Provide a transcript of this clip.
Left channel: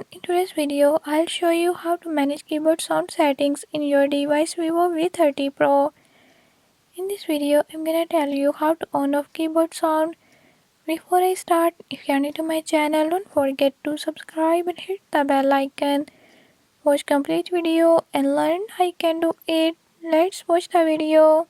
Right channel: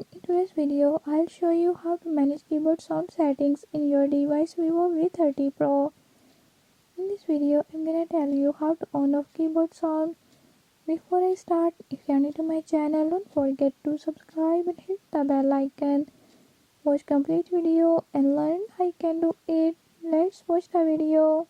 everyone, in today's video I'll show you how to manage keyboard sound settings in your device Vivo V30 Pro. In this video I'm gonna tell you how to on off keyboard sound. Before I start, if you are new to my channel, don't forget to subscribe and hit the bell icon. Watch complete video and learn how you can do it. Let's watch the video.